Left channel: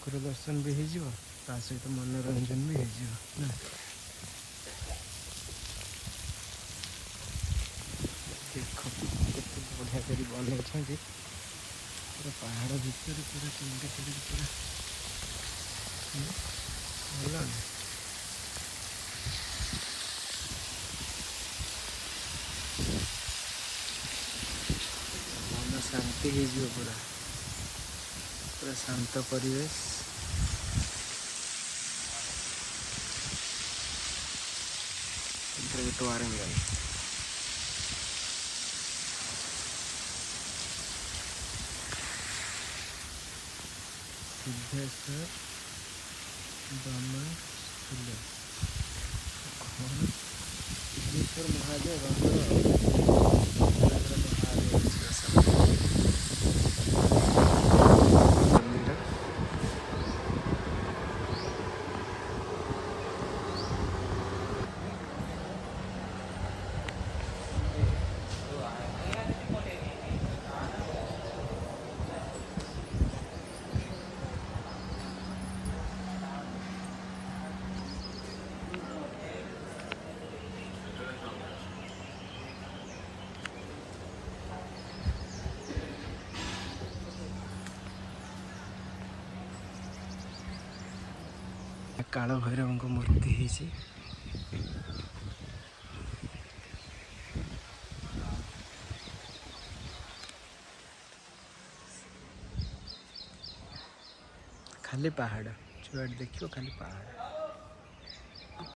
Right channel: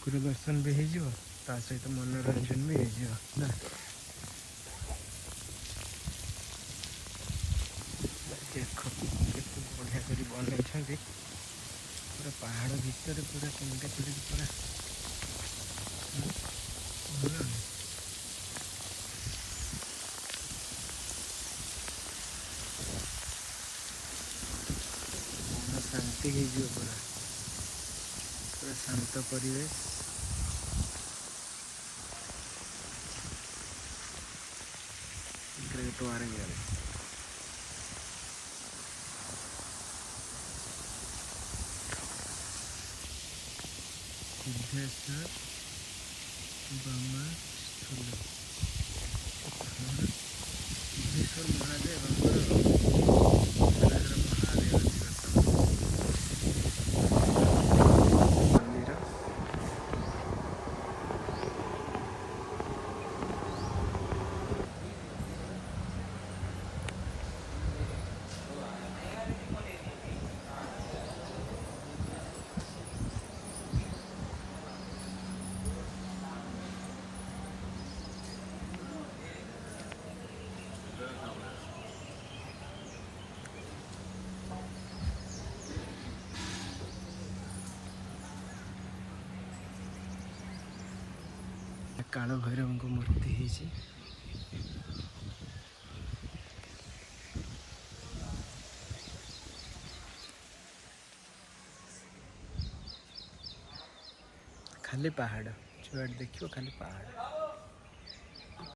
ठाकुर दर्शन भी हो सहित मनोरंजन भी हो ना। देख केते बढ़िया कर बनई पूरा पहाड़ भितर पूरा टिंगा चढ़ी पूरा भल मन शांति हो पूरा पूरा शांत परिवेश। वारंगल सिद्धेश्वर ब्रह्मस्थल सिद्धेश्वर महादेव मंदिर। काल भैरव मूर्ति है खाली पहाड़ जुआड़ देखियो खाली पहाड़।